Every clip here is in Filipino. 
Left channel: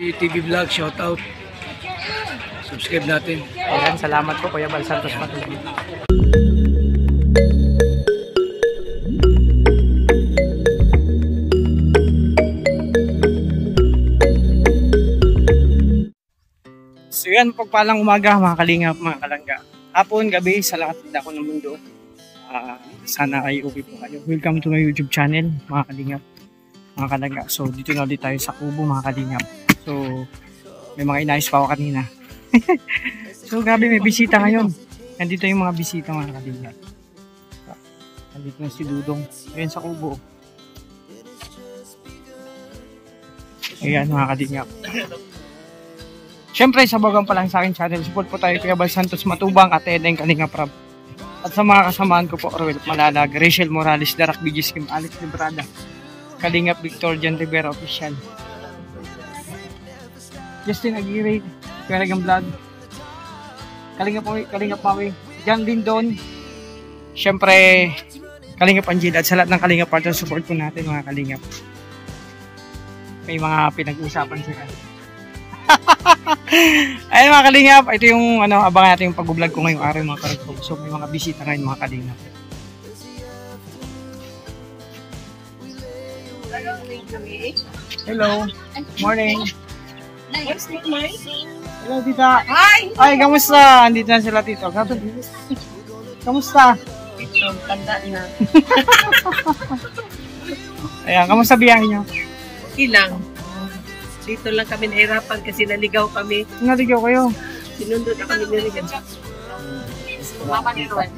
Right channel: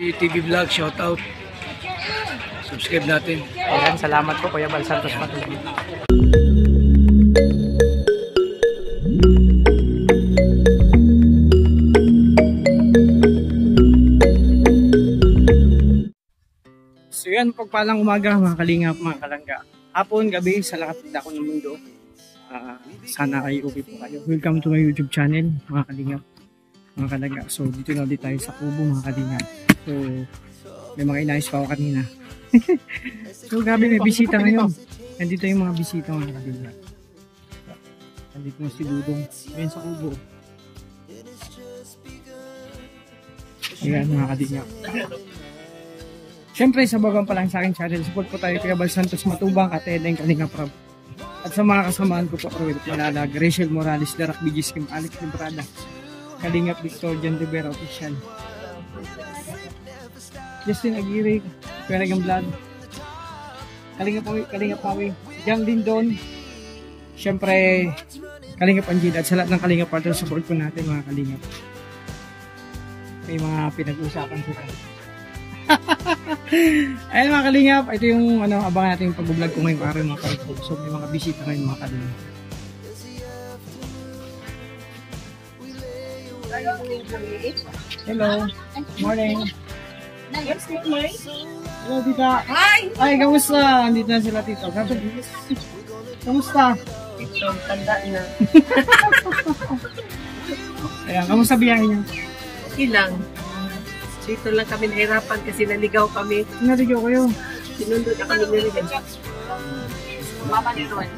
TV Vlog, shoutout. Subscribe natin. Ayan, salamat po Kuya Bal Santos Matubang. So yan, pagpalang umaga mga kalingap, mga kalangga. Hapon, gabi, sa lahat ng dako ng mundo. Sana ay okay po kayo. Welcome to my YouTube channel, mga kalingap, mga kalangga. So dito na ulit tayo sa Kubo, mga kalingap. So may mga inayos pa ako kanina. So grabe, may bisita ngayon. Nandito yung mga bisita, mga kalingap. Nandito na si Dudong. Ayan sa Kubo. Ayan mga kalingap. Siyempre, sa bagang pa lang sa akin channel, support po tayo kay Bal Santos Matubang at Edeng Kalingap Rab. At sa mga kasamaan ko po, Orwell Malalag, Rachel Morales, Darak BGS Kim, Alex Librada, Kalingap Victor Jan Rivera Official, Justin Aguirre, Peragang Blood, Kalingap Maui, Jan Lindon, siyempre, Kalingap Angela, at sa lahat ng Kalingap partner, support po natin mga Kalingap. May mga pinag-uusapan sila. Ayun mga kalingap, ito yung abangan natin yung pag-vlog ko ngayong araw mga kalingap. So may mga bisita ngayon mga kalingap. Hello, morning. Hello tita. Hi! Ay, kamusta? Andito na sila tito. Kamusta? Ito, tanda na. Ayan, kamusta biyahe nyo? Okay lang. Dito lang kami nahirapan kasi naligaw kami. Naligaw kayo? Sinundod na kami niligaw. Mama ni Ruan.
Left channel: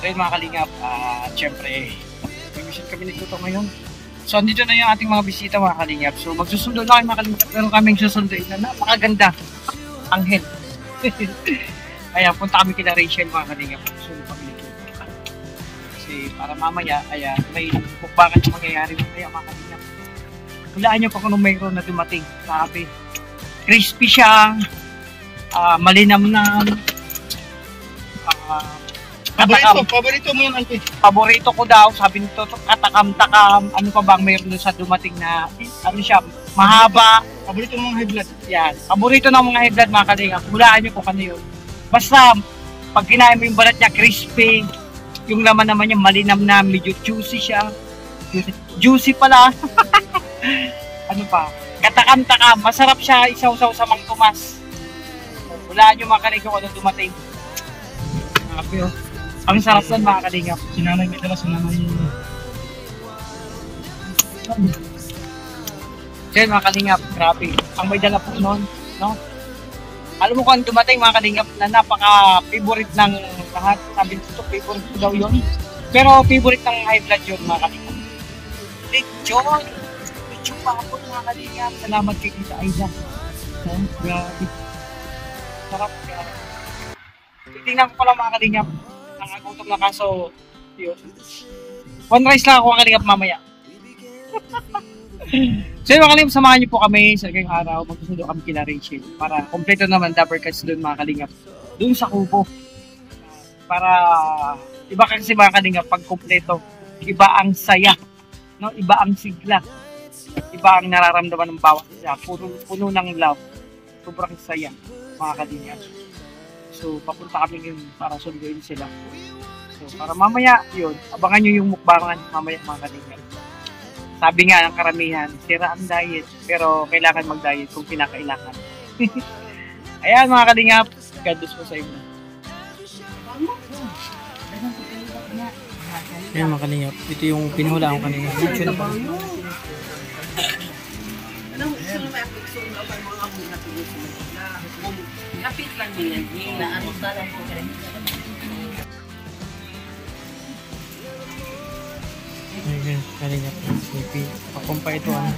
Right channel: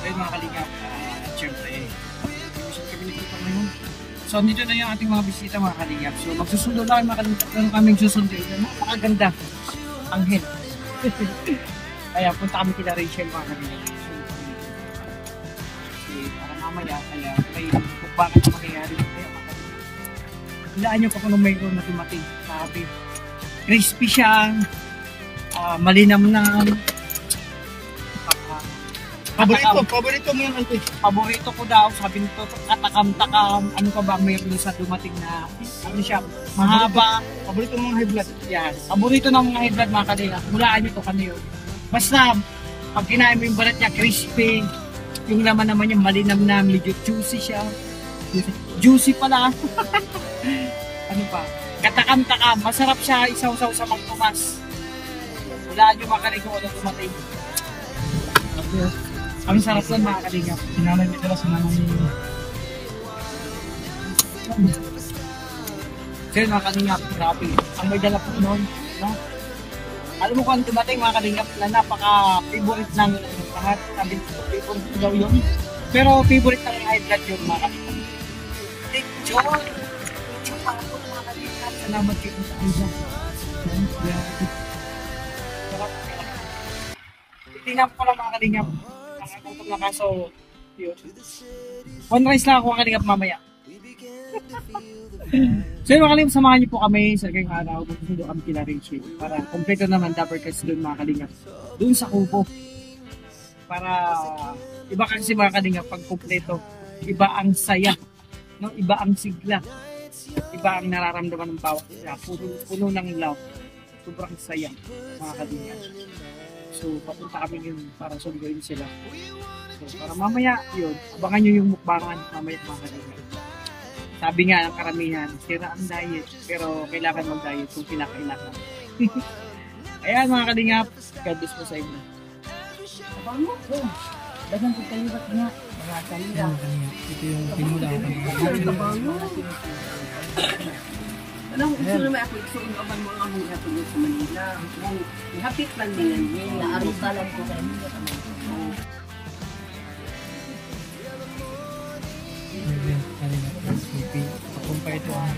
Ayun mga kalingap, syempre, visit kami nito ngayon. So, andito na yung ating mga bisita mga kalingap. So, magsusundo na kayo mga kalingap. Meron kaming susunduin na napakaganda. Anghel. Ayan, punta kami kila Rachel mga kalingap. Susunod kami nito. Kasi para mamaya, ayan, may bukbakan na mangyayari mamaya mga kalingap. Hulaan nyo pa kung mayroon na dumating. Sabi, crispy siya, malinamnam, Paborito mo yan, Auntie. paborito ko daw, sabi nito, katakam-takam, ano pa bang mayroon sa dumating na, ano siya, mahaba. Paborito mo mga high blood. Yan, paborito ng mga high blood mga kalingap. Hulaan nyo kung ano yun. Basta, pag kinain mo yung balat niya, crispy, yung laman naman niya, malinamnam, medyo juicy siya. Juicy pala. Ano pa? Katakam-takam, masarap siya, isaw-saw sa Mang Tomas. Hulaan nyo mga kalingap kung ano dumating. Grabe oh. Ang sarap nun mga kalingap. Sinanay niya pala, sinanay niya. So yun mga kalingap, grabe. Ang may dala po nun, no? Alam mo kung dumating mga kalingap na napaka-favorite ng lahat. Sabi nito, favorite ko daw yun. Pero favorite ng high blood yun mga kalingap. Lechon! Lechon pa ako mga kalingap. Salamat kay Tita Aiza. No? Grabe. Sarap. Titingnan ko pala mga kalingap. Nakagutom na kaso yun. One rice lang ako mga kalingap mamaya. So yun mga kalingap, samahan niyo po kami sa kayong araw. Magsusundo kami kila Rachel para kompleto naman Dapper Cuts doon mga kalingap. Doon sa Kubo. Para iba kasi mga kalingap pag kompleto. Iba ang saya. No? Iba ang sigla. Iba ang nararamdaman ng bawat isa. Puno ng love. Sobrang saya mga kalingap. So, papunta kami yun para sunduin sila. So, para mamaya, yun, abangan nyo yung mukbangan mamaya mga kalingap. Sabi nga ng karamihan, sira ang diet, pero kailangan mag-diet kung kinakailangan. Ayan mga kalingap, God bless po sa inyo. Ayan mga kalingap, ito yung pinuhulaan ko kanina. Hapit lang din yan. Naanot na lang po. Ayan, kalingap. Pakumpa ito ano.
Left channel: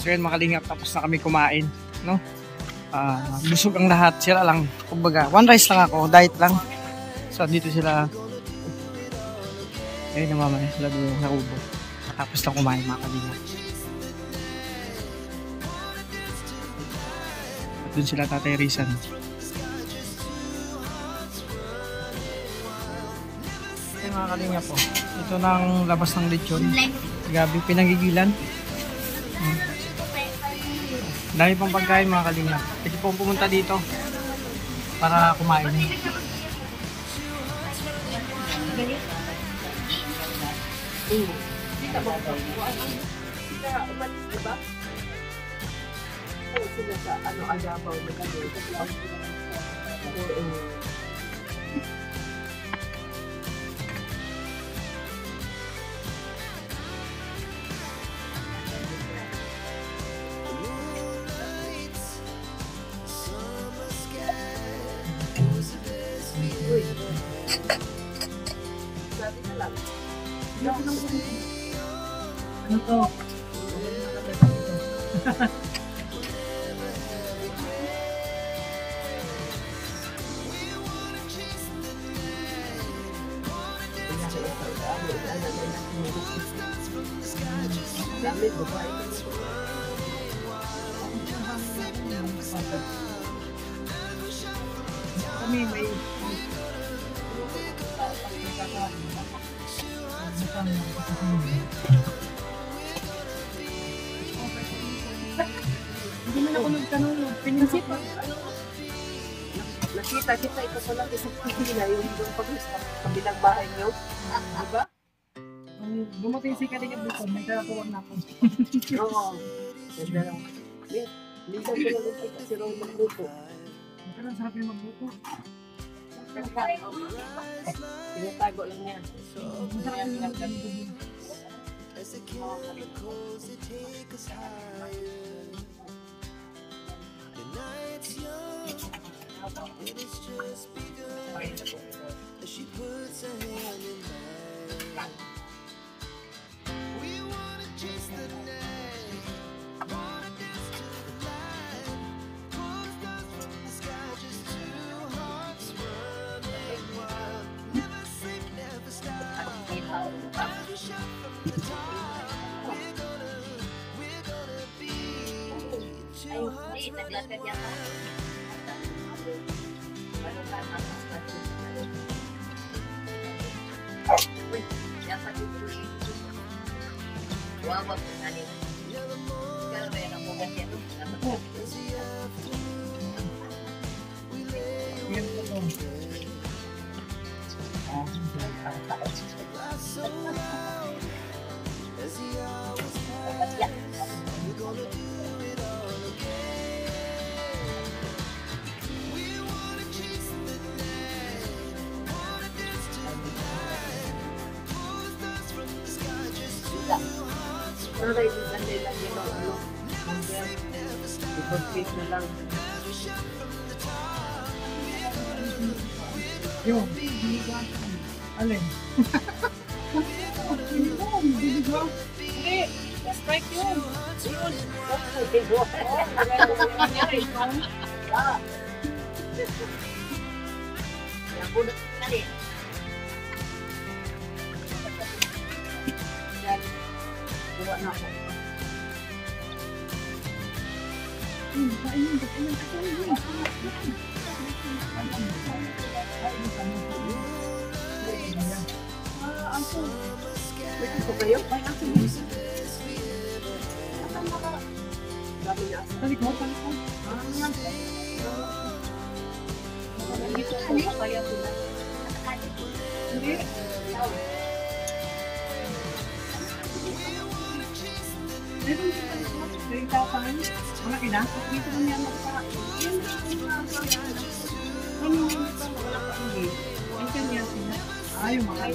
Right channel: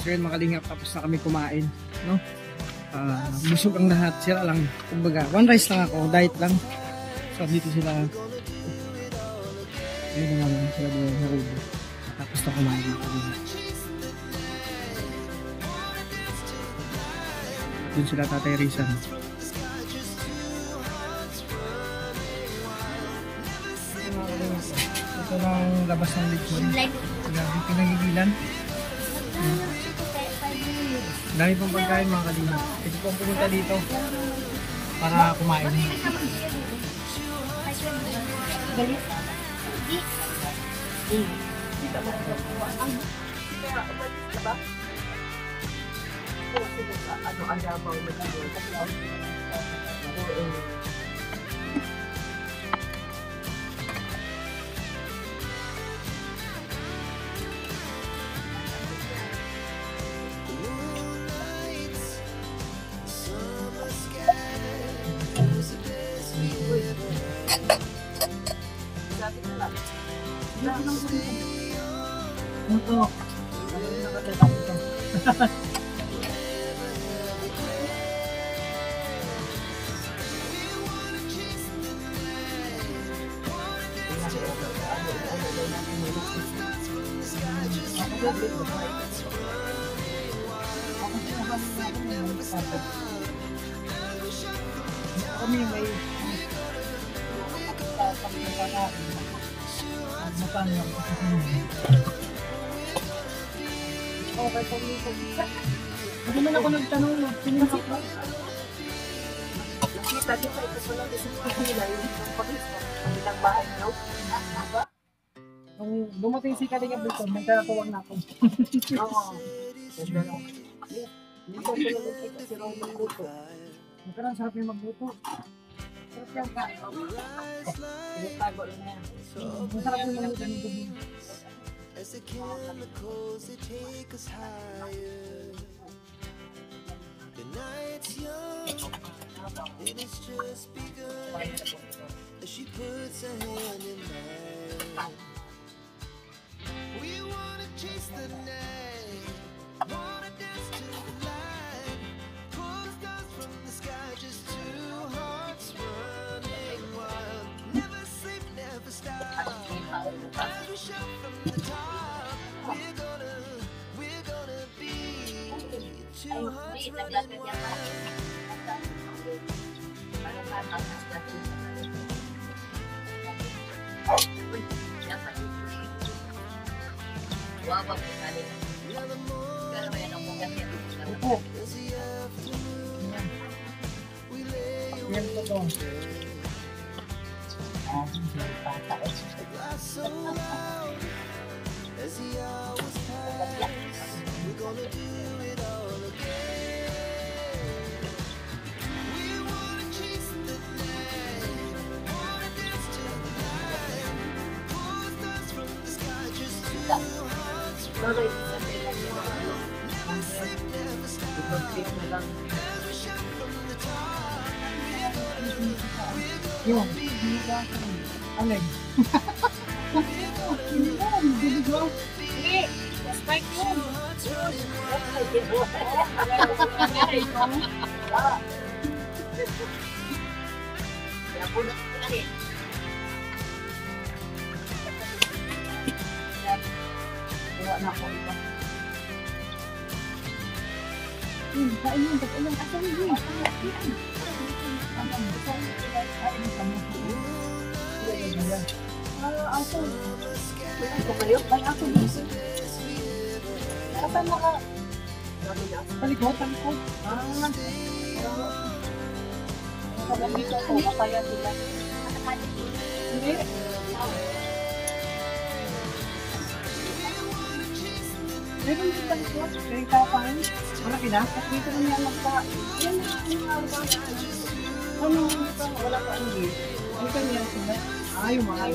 So yun mga kalingap, tapos na kami kumain. No? Busog ang lahat. Sila lang. Kumbaga, one rice lang ako. Diet lang. So dito sila. Ayun naman sila doon sa Kubo. Tapos na kumain mga kalingap. Doon sila Tatay Rizan. mga kalinga po. Ito ng labas ng lechon. Gabi pinagigilan. Dami pang pagkain mga kalinga. Pwede po pumunta dito para kumain. Ito. Kami may hindi man ako nagtanong, pinansit mo. Nakita dito, ito ko lang sa pagkila yung kabilang bahay nyo. Diba? Bumutin si Kalinga Bukon, nagkakatuwang na ako. Oo. Dito ko lang nakita si Roman Buto. Magkarang sarap yung magbuto. Pinatago lang niya. Masarap yung mga ganito. As the chemicals they take us higher. The night's young and it's just begun. As she puts her hand in mine, we wanna chase the night, wanna dance to the light, pull stars from the sky, just two hearts running wild. Never sleep, never stop. As we shout from the top, we're gonna be two hearts running wild. Now the morning is the afternoon. We lay awake, laugh so loud as the hours pass. We're gonna do it all again. We wanna chase the night, wanna dance to the light, pull stars from the sky, just two hearts running wild. Never sleep, never stop. As we shout from the top, Yun. Alin? Hindi. Respect yun. Ito kayo? Ay, ako yun. Kapag naka... Talikod, talikod. Ano ba kaya sila? Hindi. Meron din talikod. Kaya tapan. Wala pinasok. Dito kami ang magkain. Ano ito? Wala pa ang gate. Ang kanya sila. Ayaw makain.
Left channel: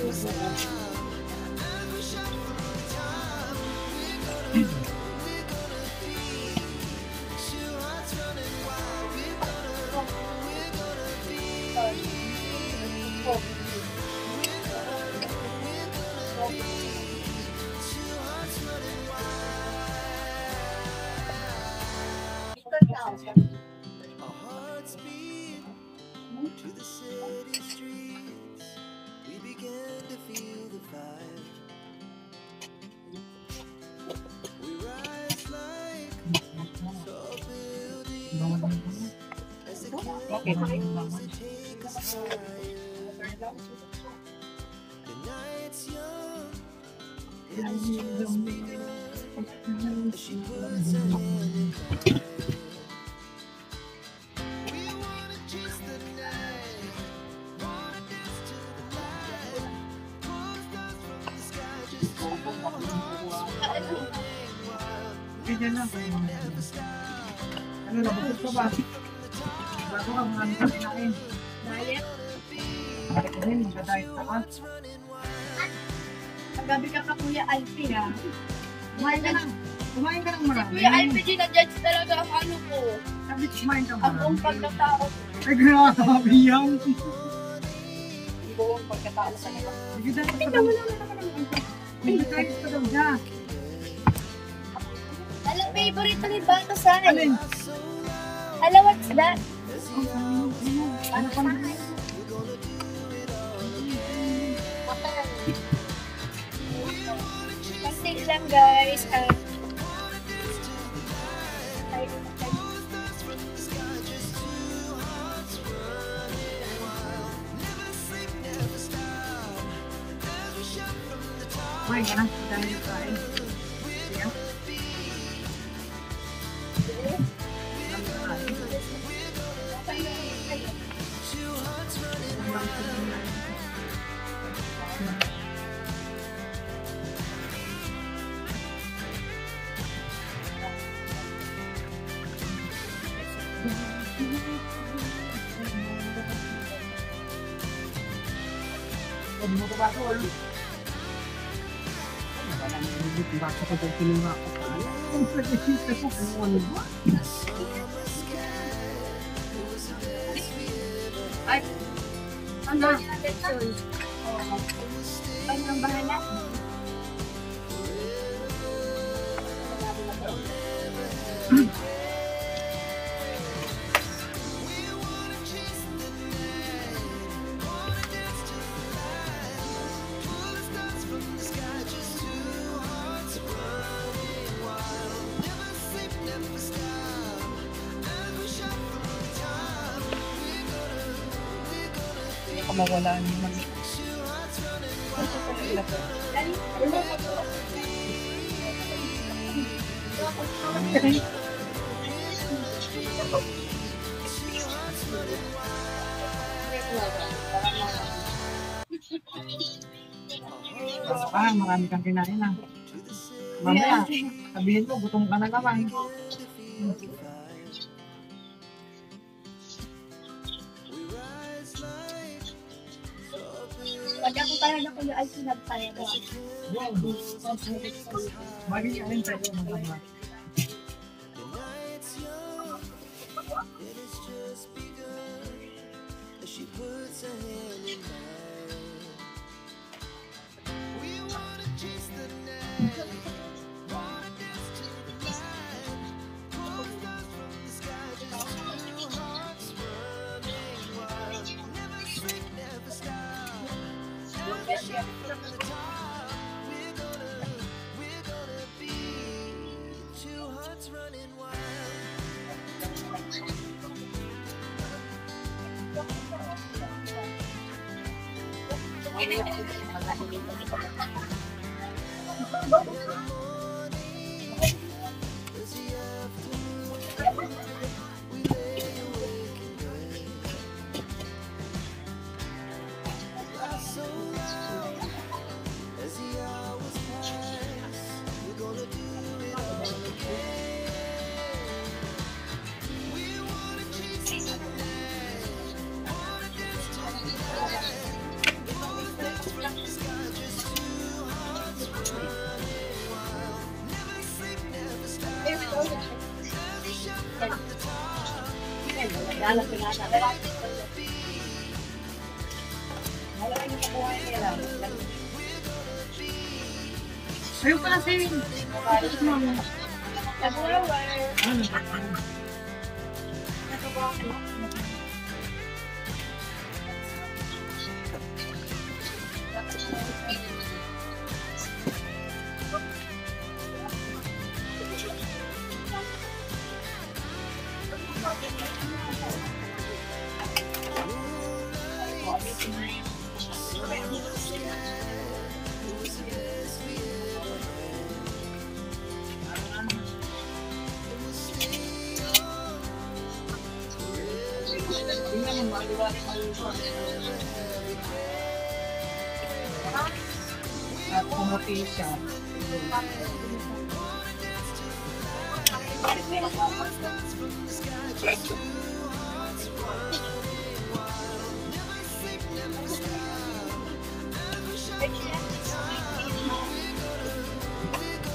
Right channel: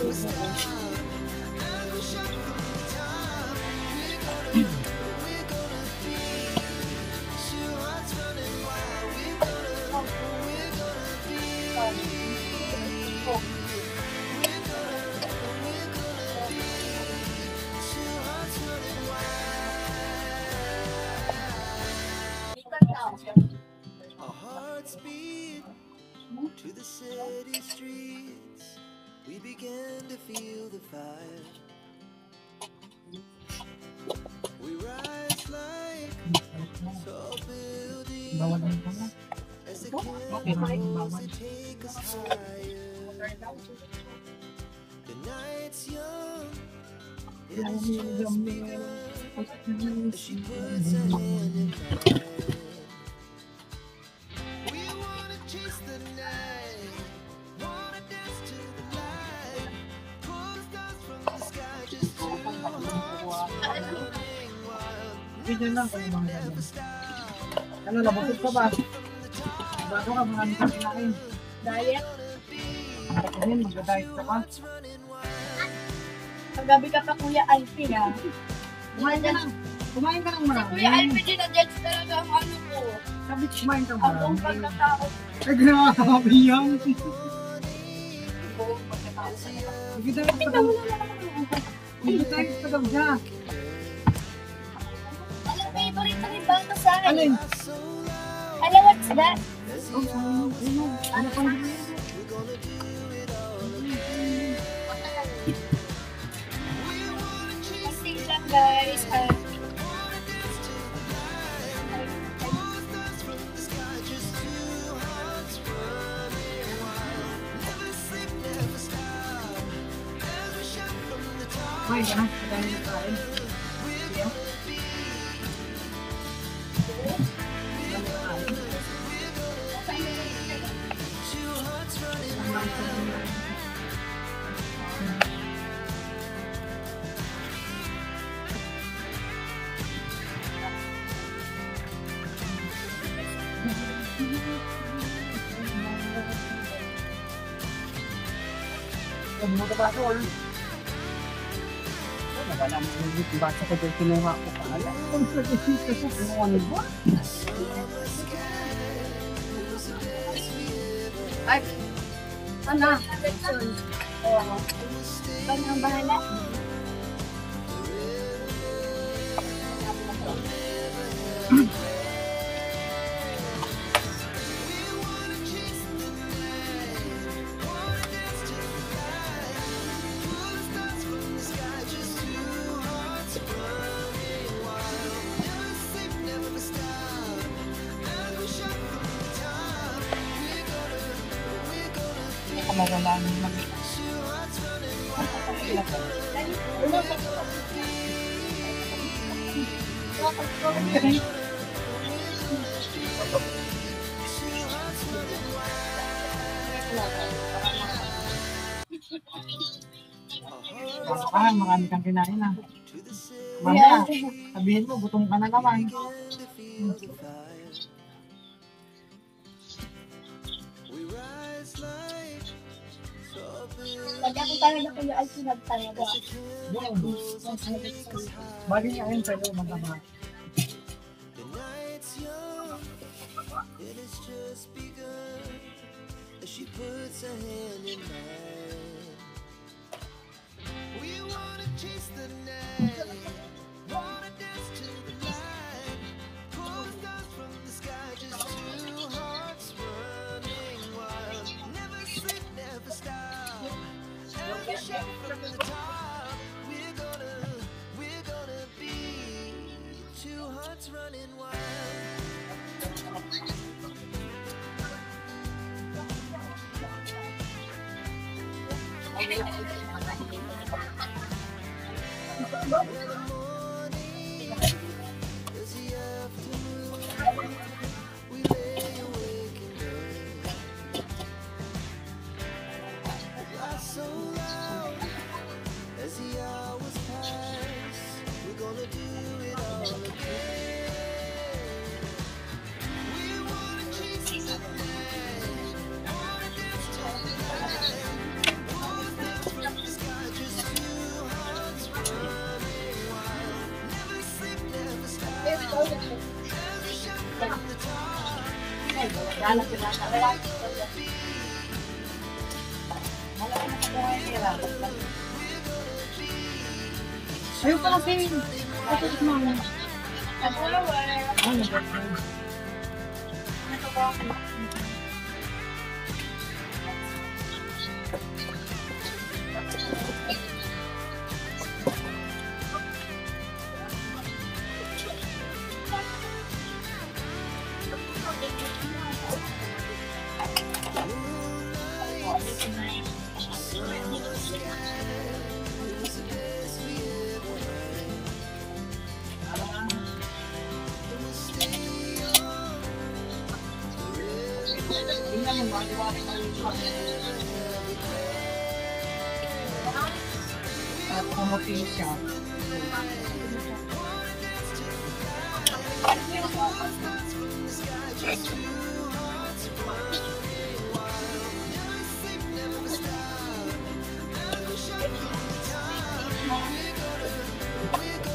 our hearts beat to the city streets. We began to feel the fire. We rise like tall buildings as the chemicals they take us higher. The night's young, it is just begun. She puts her hand in mine. We wanna chase the night, wanna dance to the light, pull stars from the sky, just two hearts running wild. Ganyan lang. Never stop. Ano, nabukod ka ba? Bago ka, marami kang kinain. Diet. Kasi nag-diet ka ka. Paggabi ka pa Kuya Alfie ha. Kumain ka lang. Kumain ka lang marami. Kuya Alfie, ginadjudge talaga ang ano ko. Sabi, kumain ka Ang buong marami. pagkatao. Ay, grabe yan. Ang buong pagkatao sa nila. Sige, dapat ka daw. Nag-text ka daw siya. Alam, favorite na rin ba ito sa akin? Alin? Alam, what's that? Ano pang gawin? Kasi lang guys. Kumain ka na. Dahil kain. Huwag mo ka ba ako? Wala mo yung bata ko dahil kinuha ko pa. Alam ko sa kisita ko kung ano ba? Ay, ano? Oo. Ang bahala. Hindi ka mawala naman. Marami kang kinain na. Mamaya, sabihin mo, gutom ka na naman. Pag ako talaga Kuya Alfie nagtalaga. Bali niya rin sa'yo, maganda. The night's young, it has just begun. As she puts her hand in mine. We wanna chase the night, wanna dance to the light, pull stars from the sky, just two hearts running wild. Never sleep, never stop. Every shot from the top. We're gonna be two hearts running wild. The morning is the afternoon. We lay awake in bed. Laugh so loud as the hours pass. We're gonna do it all again. We wanna chase the night, wanna dance to the light. Pull stars from the sky, just two hearts running wild. Never sleep, never stop. Every shot from the top. Ayun pala si kapit mo. Ano ba? Moonlight, sun in the sky. At kumapil siya.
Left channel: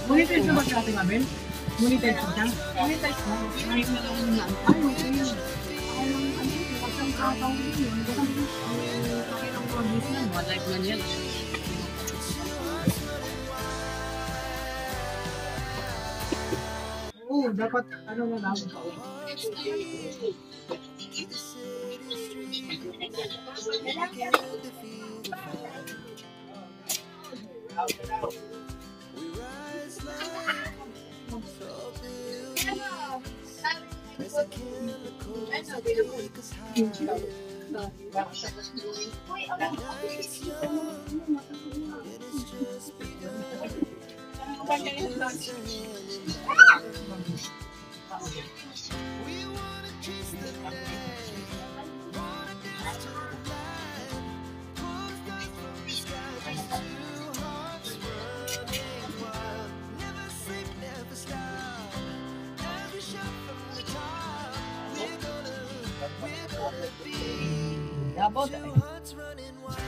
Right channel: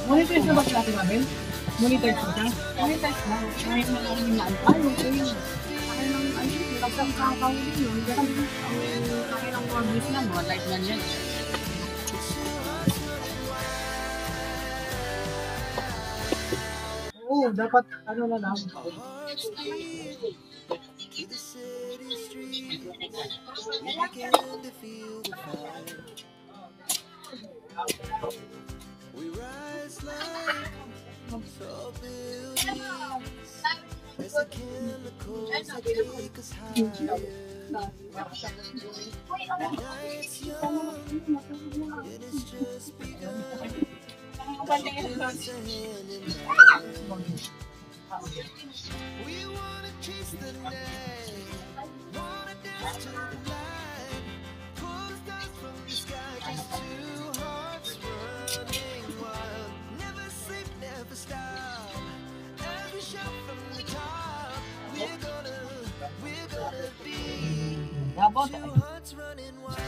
Monetize na ba siya ating Abel? Monetize na siya? Monetize na. Ay, maraming na. Ay, okay. Ay, pagkakakaw yun. Ganun. Okay lang mga bis na. Mga live man yan. Oo, dapat ano na lang. We rise like tall buildings as the chemicals that take us higher. Night's young, it has just begun. She puts her hand in mine. We wanna chase the night, wanna dance to the light, pull the stars from the sky, just two hearts running wild. Never sleep, never stop. Every shot from the top, we're gonna be two hearts running wild.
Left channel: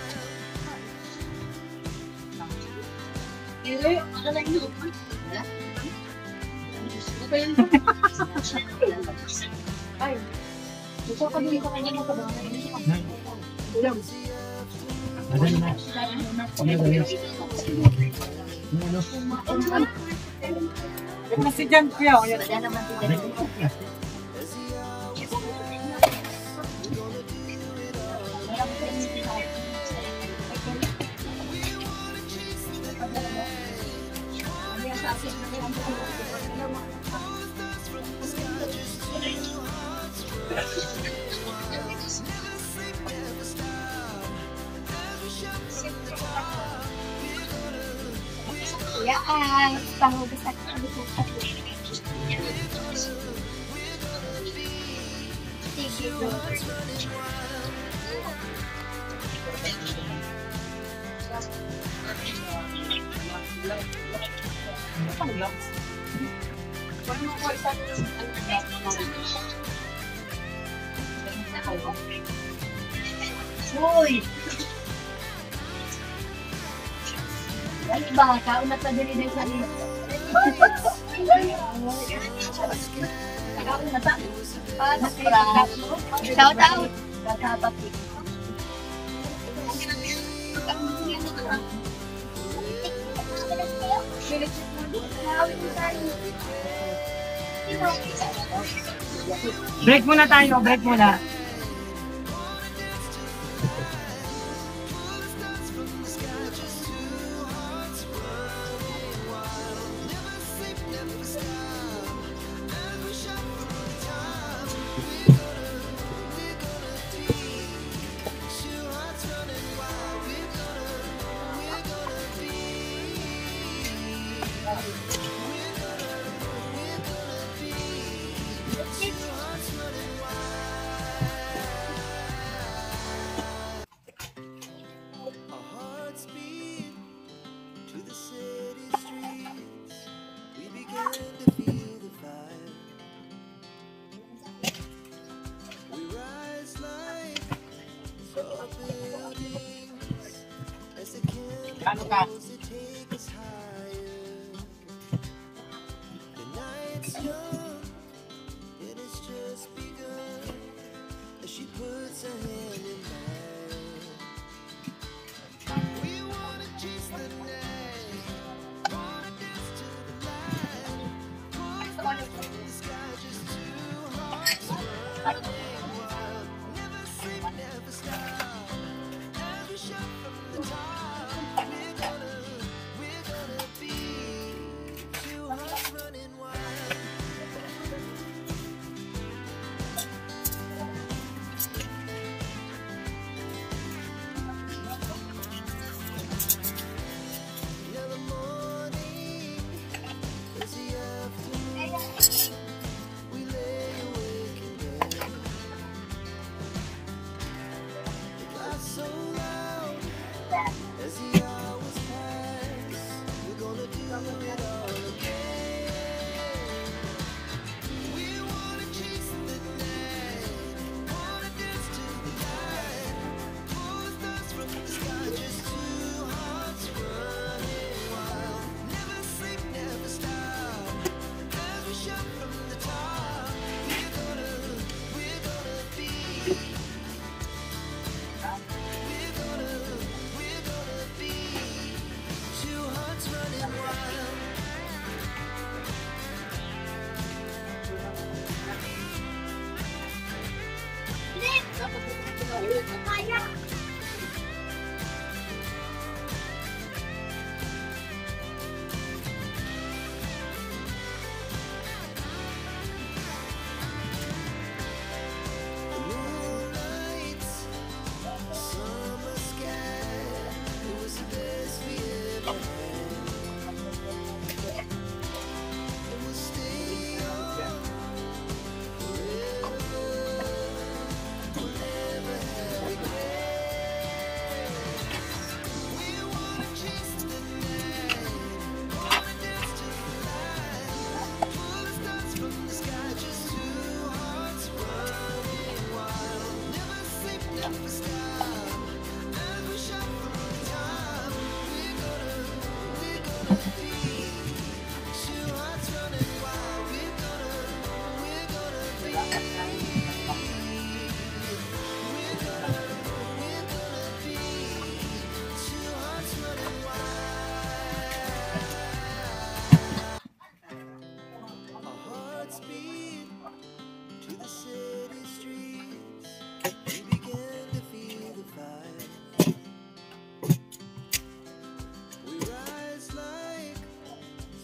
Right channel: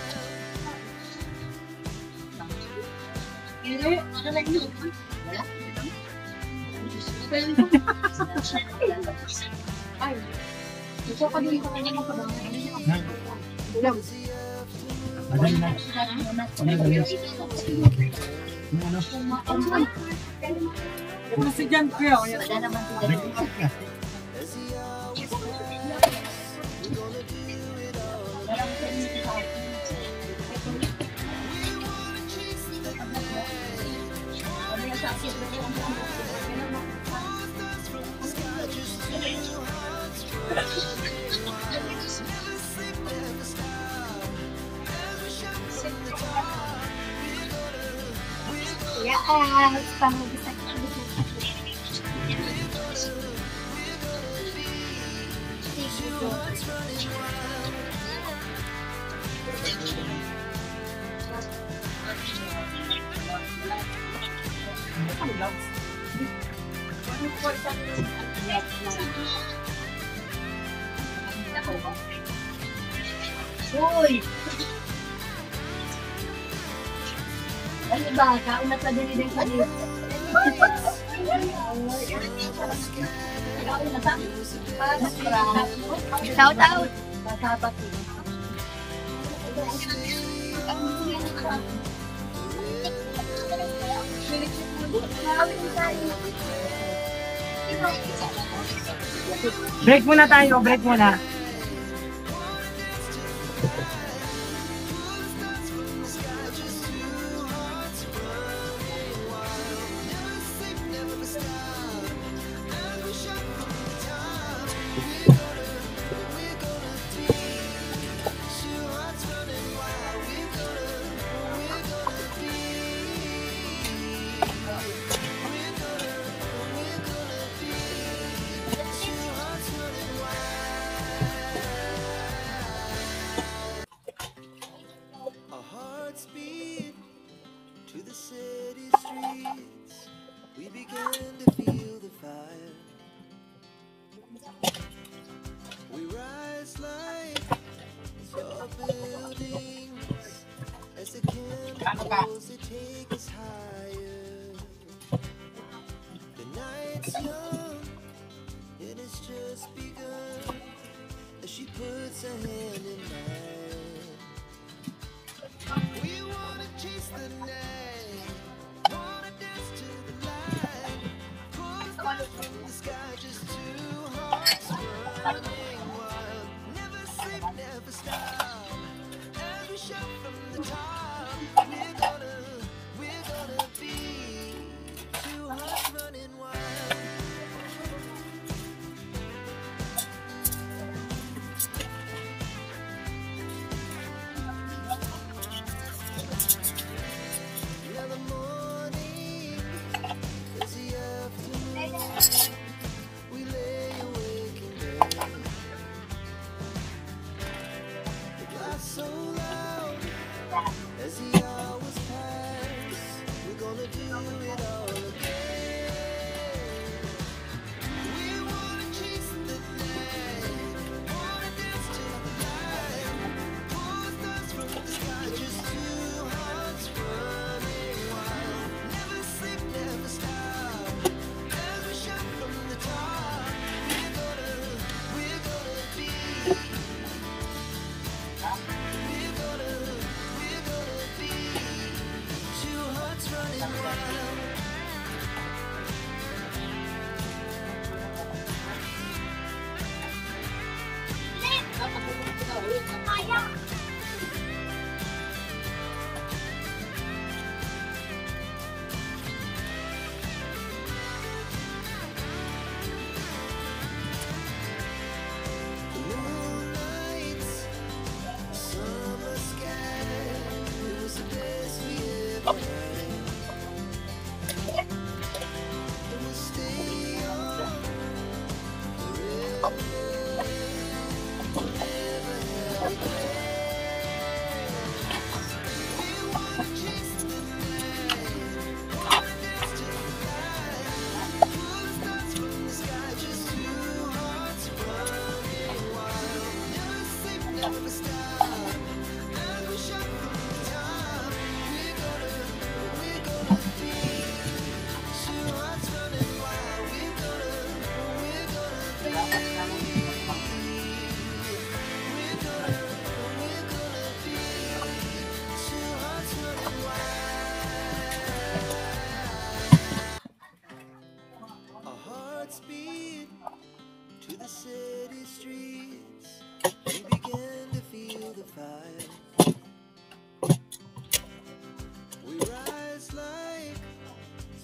Ay, gusto ko din ito kanya mga Madali na. Kasi dyan kuya, kaya naman. As the hours pass, we're gonna do it all again. We wanna chase the night, wanna dance to the light, pull the stars from the sky, just two hearts running wild. Never sleep, never stop. Every shot from the top, we're gonna be two hearts running wild. Uy! Ano ba? Kauna pa din din sa dito. Shout out! Shout Break muna tayo, break muna. Our hearts beat to the city streets. We began to feel the fire. We rise like tall buildings as the chemicals that take us higher. The night's young, it has just begun as she puts her hand in mine. We wanna chase the night, wanna dance to the light, pull the stars from the sky, just two hearts running wild. Never sleep, never stop. Every shot from the top, we're gonna be two hearts running wild. We began to feel the fire. We rise like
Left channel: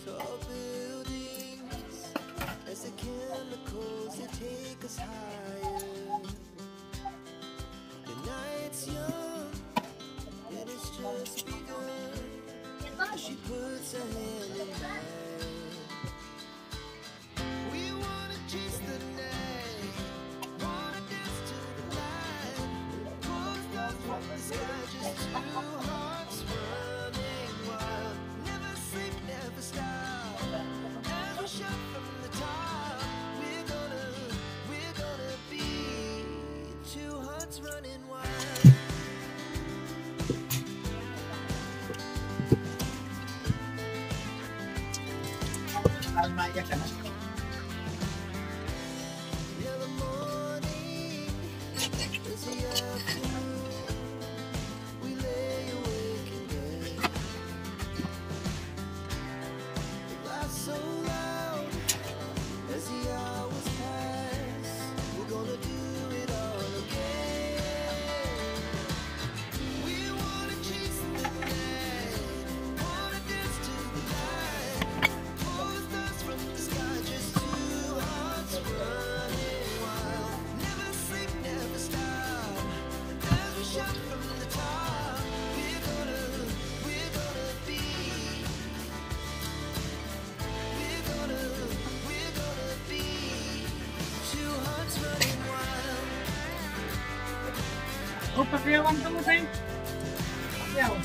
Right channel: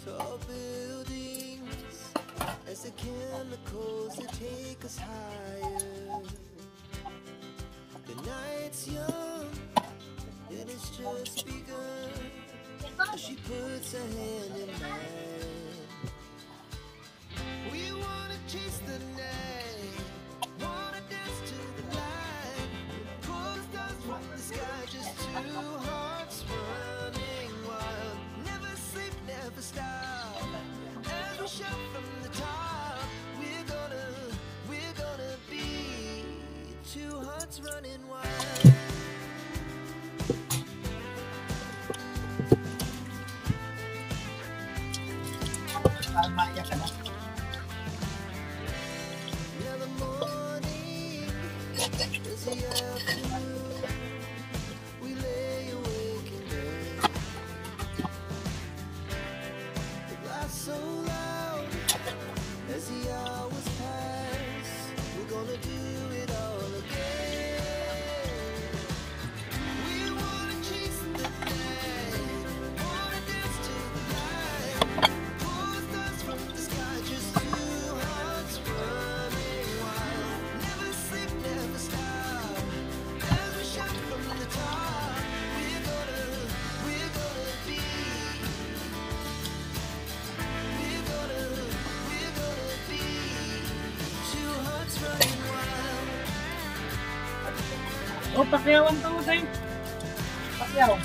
tall buildings as the chemicals that take us higher. The night's young and it's just begun as she puts her hand in mine. We wanna chase the night, wanna dance to the light, pull the stars from the sky, just two hearts running wild. Never sleep, never stop, as we shout from the top. We're gonna be two hearts running wild. Tama yan ka na. Now the morning is the afternoon. We lay awake in bed. The laughs so loud as the hours pass. We're gonna do it all again. We wanna chase the night, wanna dance to the light, pull the stars from the sky, just two hearts running wild. Never sleep, never stop, as we shout from the top. We're gonna be, we're gonna be two hearts running wild. O, pakiyawan to, Say. Pakiyaw.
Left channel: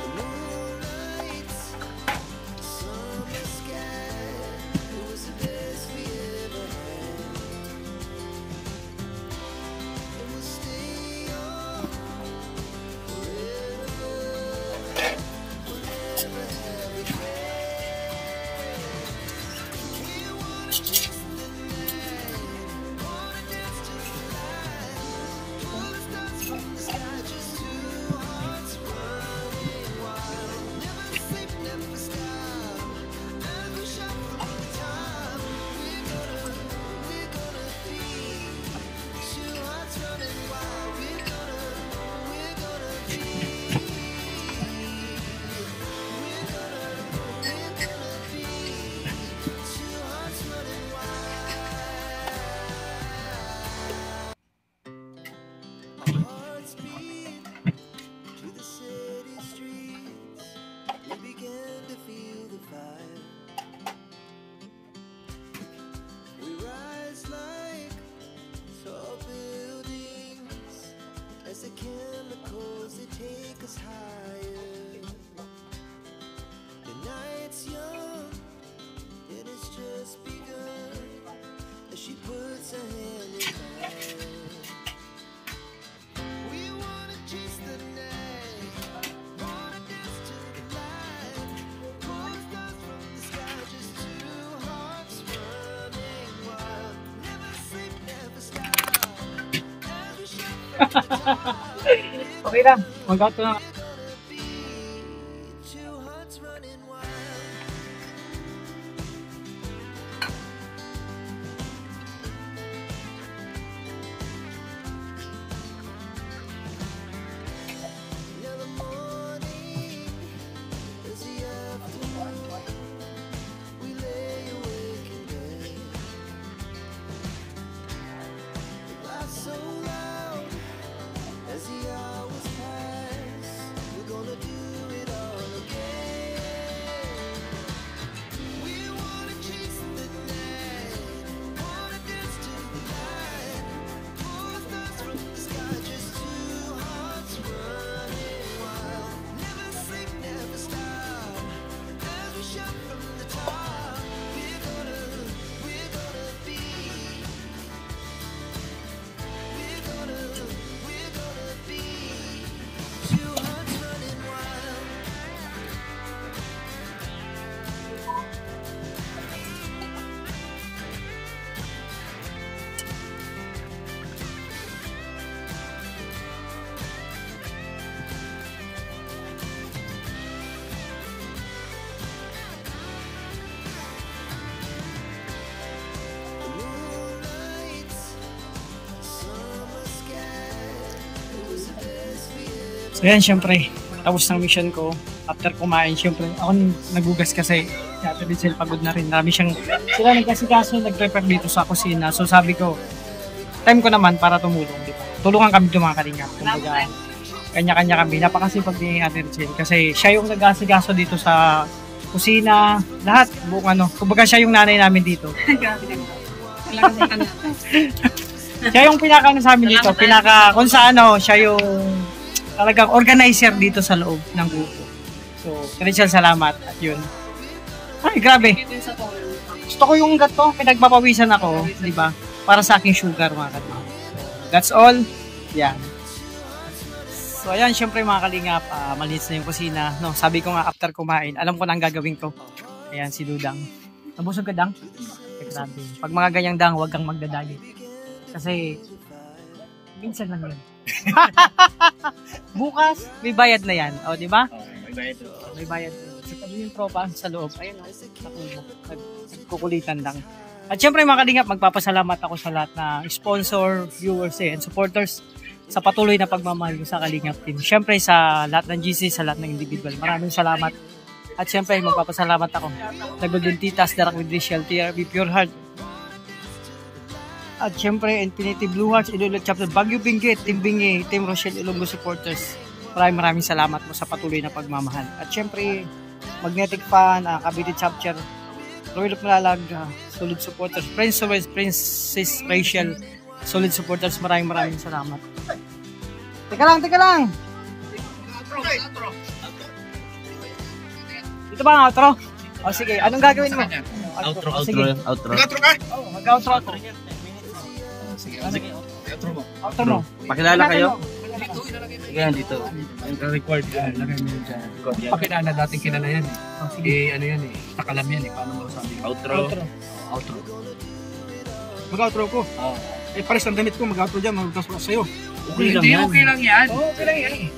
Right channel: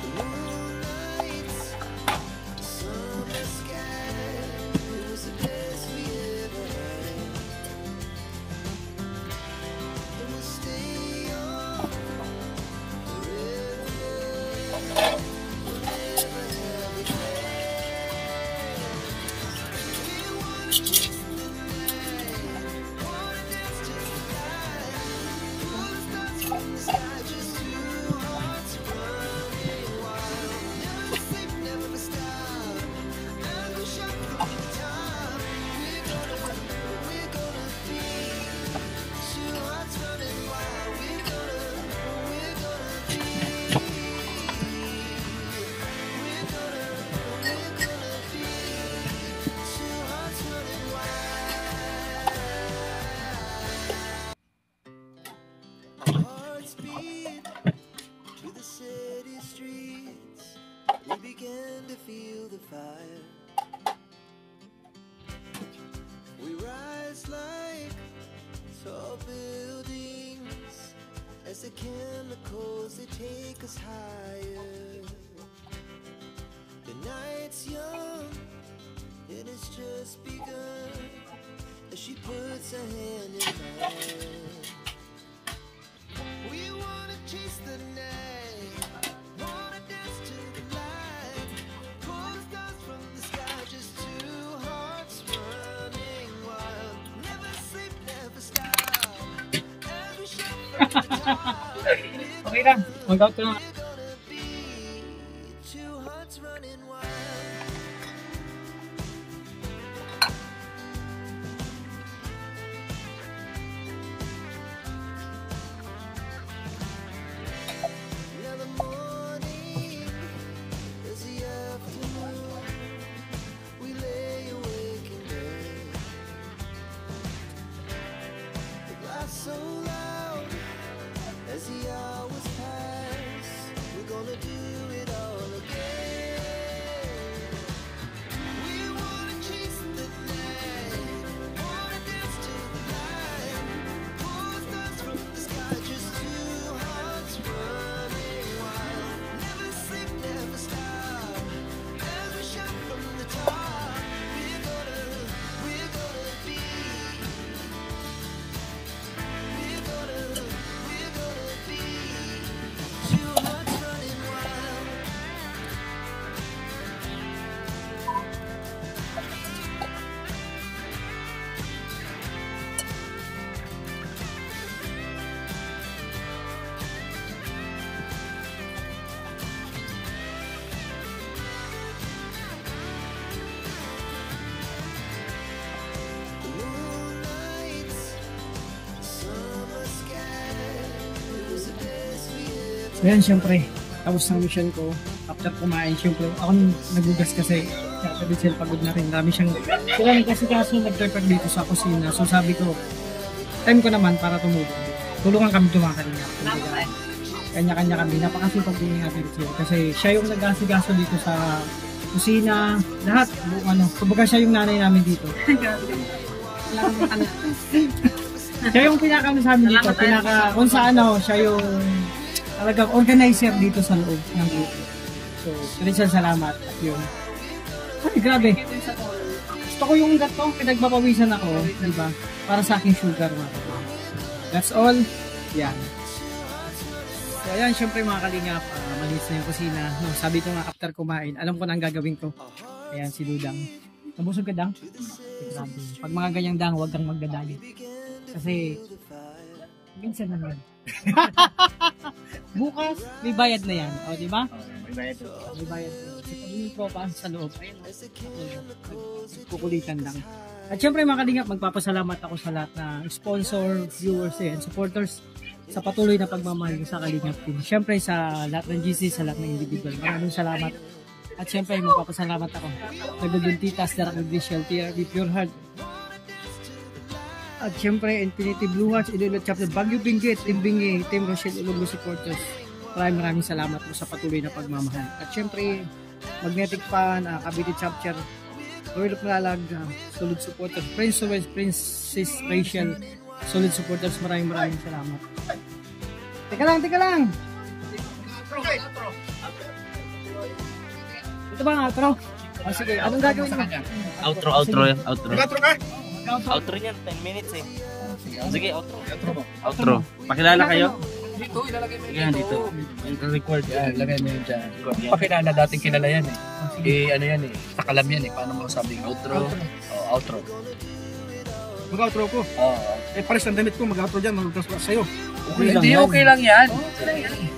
The moonlight, the summer sky, it was the best we ever had. And we'll stay on forever. We'll never have regrets. We wanna chase the night, wanna dance to the light, pull the stars from the sky, just two hearts running wild. Never sleep, never stop, as we shout from the top. We're gonna be two hearts running wild. We're gonna be, we're gonna be two hearts running wild. Our hearts beat to the city streets. We began to feel the fire. We rise like tall buildings as the chemicals that take us higher. The night's young and it's just begun as she puts her hand in mine. We wanna chase the night, wanna dance to the light, pull the stars from the sky, just two hearts running wild. Never sleep, never stop, as we shout from the top. Okay lang. Mag-out ko na. We're gonna be two hearts running wild. Now the morning is the afternoon. We lay awake in bed. The laughs so loud as the hours pass. We're gonna do it all again. So yan, syempre, tapos ng mission ko. After kumain, syempre, ako nagugas kasi. Yata din sila pagod na rin. Marami siyang, sila nagkasikaso, nag-prepare dito sa kusina. So sabi ko, time ko naman para tumulong. Diba? Tulungan kami ito mga kalingap. Kumbaga, kanya-kanya kami. Napakasipag ni Ate Richelle. Kasi siya yung nag-asikaso dito sa kusina. Lahat, buong ano. Kumbaga siya yung nanay namin dito. Siya yung pinaka sa amin dito. Kung sa ano, siya yung talagang organizer dito sa loob ng grupo. So, Richelle, salamat. At yun. Ay, grabe. Gusto ko yung gato. Pinagpapawisan ako, di ba? Para sa aking sugar, mga kalingap. That's all. Yan. So, ayan, syempre mga kalingap, malinis na yung kusina. No, sabi ko nga, after kumain, alam ko na ang gagawin ko. Ayan, si Dudang. Nabusog ka, Dang? Grabe. Pag mga ganyang Dang, huwag kang magdadali. Kasi, minsan lang yun. Bukas, may bayad na yan. O, di ba? May bayad. So, pag yung tropa sa loob, ayun, kukulitan lang. At syempre mga kalingap, magpapasalamat ako sa lahat na sponsor, viewers, and supporters sa patuloy na pagmamahal ko sa Kalingap Team. Syempre sa lahat ng GC, sa lahat ng individual. Maraming salamat. At syempre magpapasalamat ako sa Golden Titas, Darak with Richelle, TRB Pure Heart. At syempre Infinity Blue Hearts, Iloilo Chapter, Baguio Benguet, Team Bingi, Team Rochelle, Ilonggo supporters. Maraming salamat po sa patuloy na pagmamahal. At syempre Magnetic Fan, Cavite Chapter, Royal Malalag, solid supporters, Princess Rachel, solid supporters. Maraming salamat. Teka lang. Ito ba ang outro? O sige, anong gagawin mo? Outro. Mag-outro yan, 10 minutes eh. Sige, Outro. Pakilala kayo? Sige, dito. Record, lagay mo yun dyan. Pakilala, dating kilala yan eh. Ano yan eh, pakalam yan eh. Paano mo sabi? Outro. Outro. Mag-outro ko. Pares ng damit ko, mag-outro dyan, mag-outro sa'yo. Okay lang yan.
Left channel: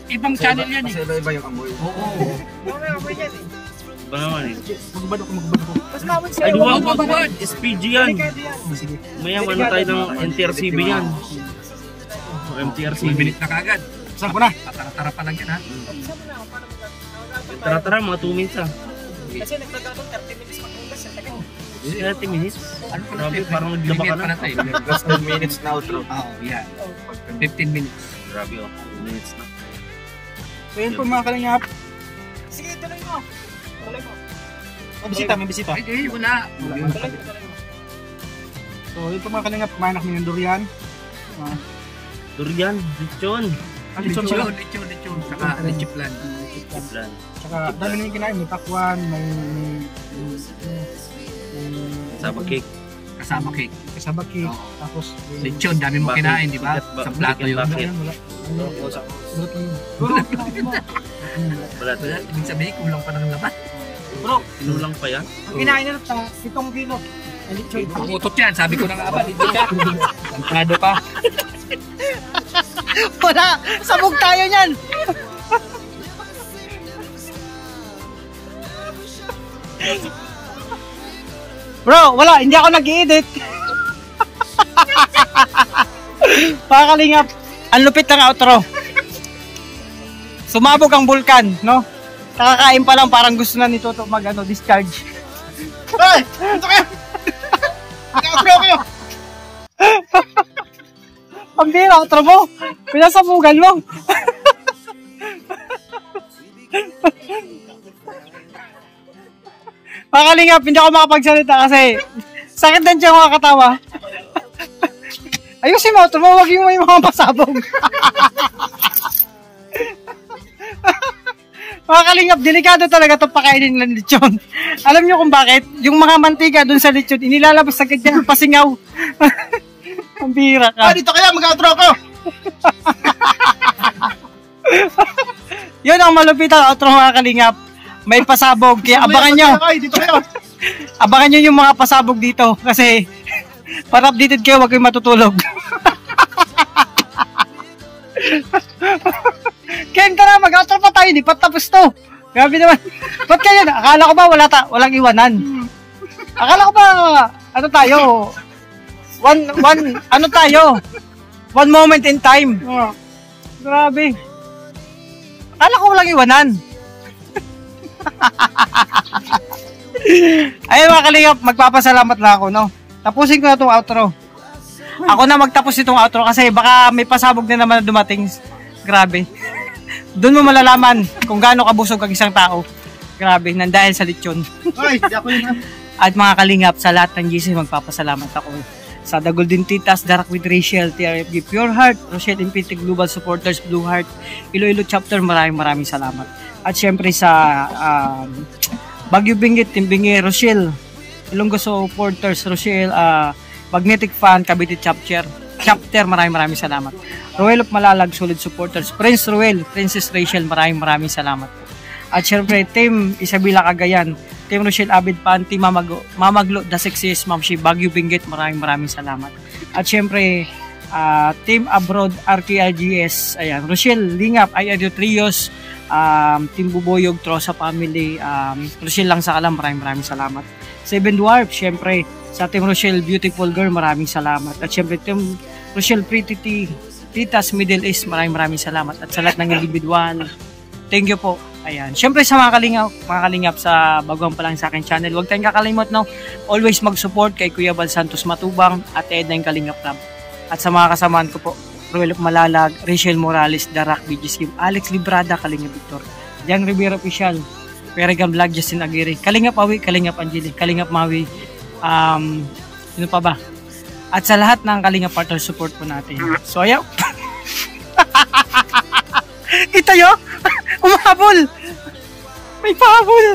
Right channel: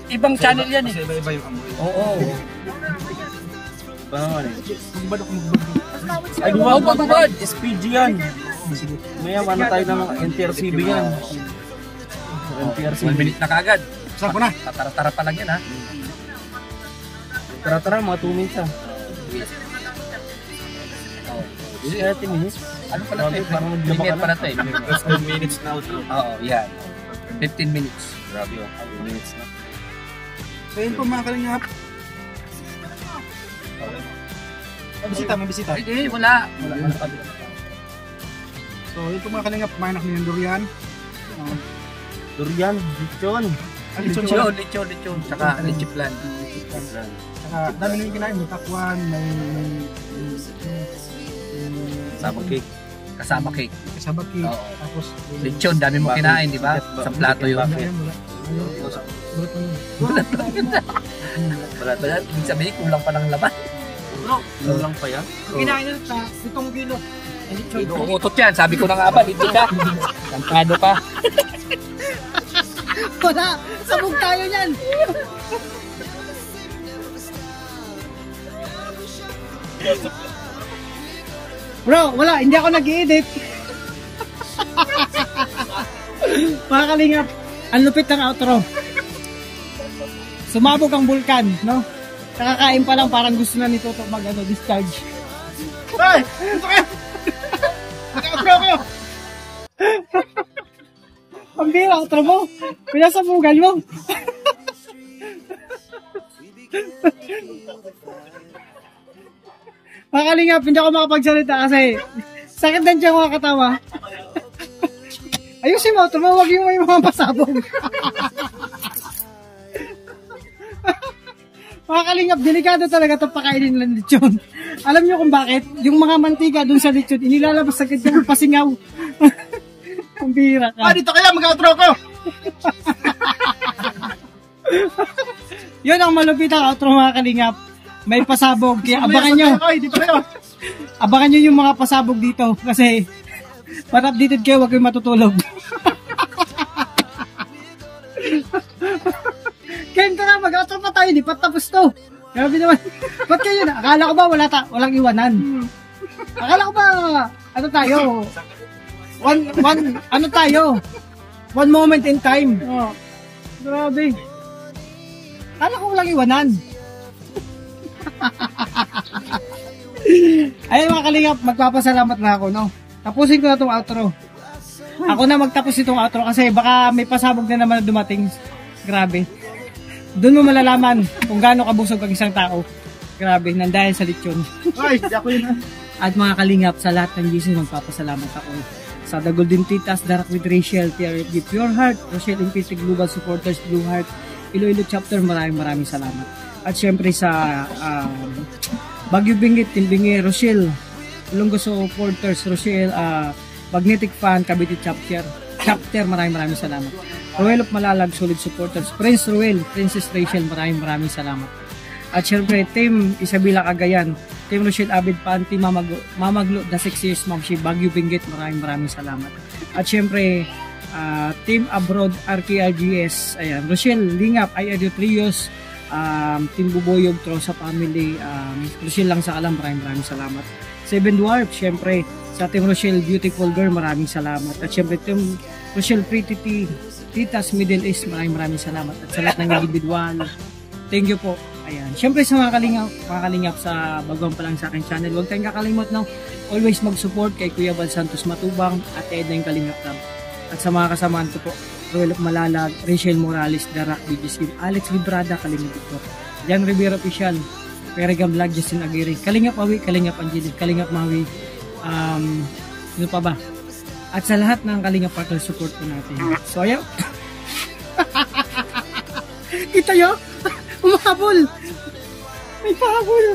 Ibang channel yan eh. Kasi iba-iba yung amoy. Oo. Ba naman eh. Magbado ko. Ay, duwag. SPG yan. Maya, ano tayo ng NTRCB yan. MTRCB. Minute na kagad. Saan ko na? Tara pa lang yan ha. Tara, mga 2 minutes ah. 30 minutes? Ano pala? Parang naglaba ka na. 15 minutes na outro. Oo, yan. 15 minutes. Grabe oh, 2 minutes na. So yun po mga kalingap. May bisita. Hindi, wala. So yun po mga kalingap, kumain kami ng durian. Durian, lechon. Lechon pala. Lechon. Saka lechiplan. Saka dami namin kinain, may takwan, may Sabag cake. Kasama cake. kasabak cake. Oo. Tapos Lechon, dami mo kinain, di ba? Sa plato yun. Bakit? Balat. Kaya, ibig sabihin, kulang pa ng laban. Kulang pa yan? Kinain na pa, 7 kilo. Utot yan, sabi ko na nga ba, hindi ka. Kantado ka. Wala, sabog tayo niyan. Bro, wala, hindi ako nag-i-edit. Pakakalingap, ang lupit ng outro. Sumabog ang bulkan, no? Nakakain pa lang, parang gusto na nito to discharge. Ay, ito kayo. Outro kayo. Pambira, outro mo. Pinasabugan mo. Mga kalingap, hindi ako makapagsalita kasi sakit din siya mga katawa. Ayusin mo, tumawag yung may mga pasabog. Mga kalingap, delikado talaga itong pakainin ng lechon. Alam nyo kung bakit? Yung mga mantika dun sa lechon, inilalabas agad yan ng pasingaw. Ang bira ka. dito kaya, mag-outro ko! Yun ang malupit ang outro mga kalingap. May pasabog, kaya abangan nyo. Dito kayo. Abangan nyo yung mga pasabog dito kasi para updated kayo, huwag kayong matutulog. Ken, tara, mag-outro pa tayo, di pa tapos to. Grabe naman. Ba't kayo, akala ko ba walang iwanan? Akala ko ba, ano tayo? Ano tayo? One moment in time. Grabe. Kala ko walang iwanan. Ayun mga kalingap, magpapasalamat na ako, no? Tapusin ko na itong outro. Ako na magtapos itong outro kasi baka may pasabog na naman na dumating. Grabe. Doon mo malalaman kung gaano kabusog ang isang tao. Grabe, nandahil sa lechon. Ay, ako yun. At mga kalingap, sa lahat ng GC, magpapasalamat ako. Sa The Golden Titas, Darak with Rachel, TRFG Pure Heart, Rochelle Infinity Global Supporters, Blue Heart, Iloilo Chapter, maraming salamat. At syempre sa Baguio Benguet, Timbingi, Rochelle, Ilonggo Supporters, Rochelle, Magnetic Fan, Cavite Chapter, maraming salamat. Ruel of Malalag, Solid Supporters, Prince Ruel, Princess Rachel, maraming salamat. At syempre, Team Isabela Cagayan, Team Rochelle Abid Pan, Team Mamaglo, The Sexiest, Ma'am Shi, Baguio Benguet, maraming salamat. At syempre, Team Abroad, RKIGS, ayan, Rochelle Lingap, IRU Trios, Team Buboyog, Trosa Family, Rochelle lang sa kalam, maraming salamat. Seven Dwarf, syempre, sa Team Rochelle Beautiful Girl, maraming salamat. At syempre, Team Rochelle Pretty Titas Middle East, maraming salamat. At sa lahat ng individual, thank you po. Ayan. Syempre sa mga kalingap sa baguhan pa lang sa akin channel, huwag tayong kakalimot, no? Always mag-support kay Kuya Bal Santos Matubang at Edna yung Kalingap Club. At sa mga kasamaan ko po, Ruel of Malalag, Rachel Morales, Darak, BGS, Alex Librada, Kalingap Victor, Jan Rivera Official, Peregan Vlog, Justin Aguirre, Kalingap Awi, Kalingap Angeli, Kalingap Mawi, sino pa ba? At sa lahat ng Kalingap partner support po natin. So ayaw. Kita nyo? Umahabol! May pahabol!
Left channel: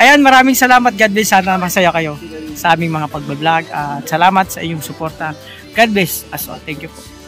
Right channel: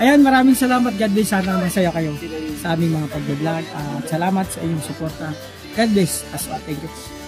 Ayan, maraming salamat. God bless. Sana masaya kayo sa aming mga pag-vlog. At salamat sa iyong suporta. God bless as well. Thank you po.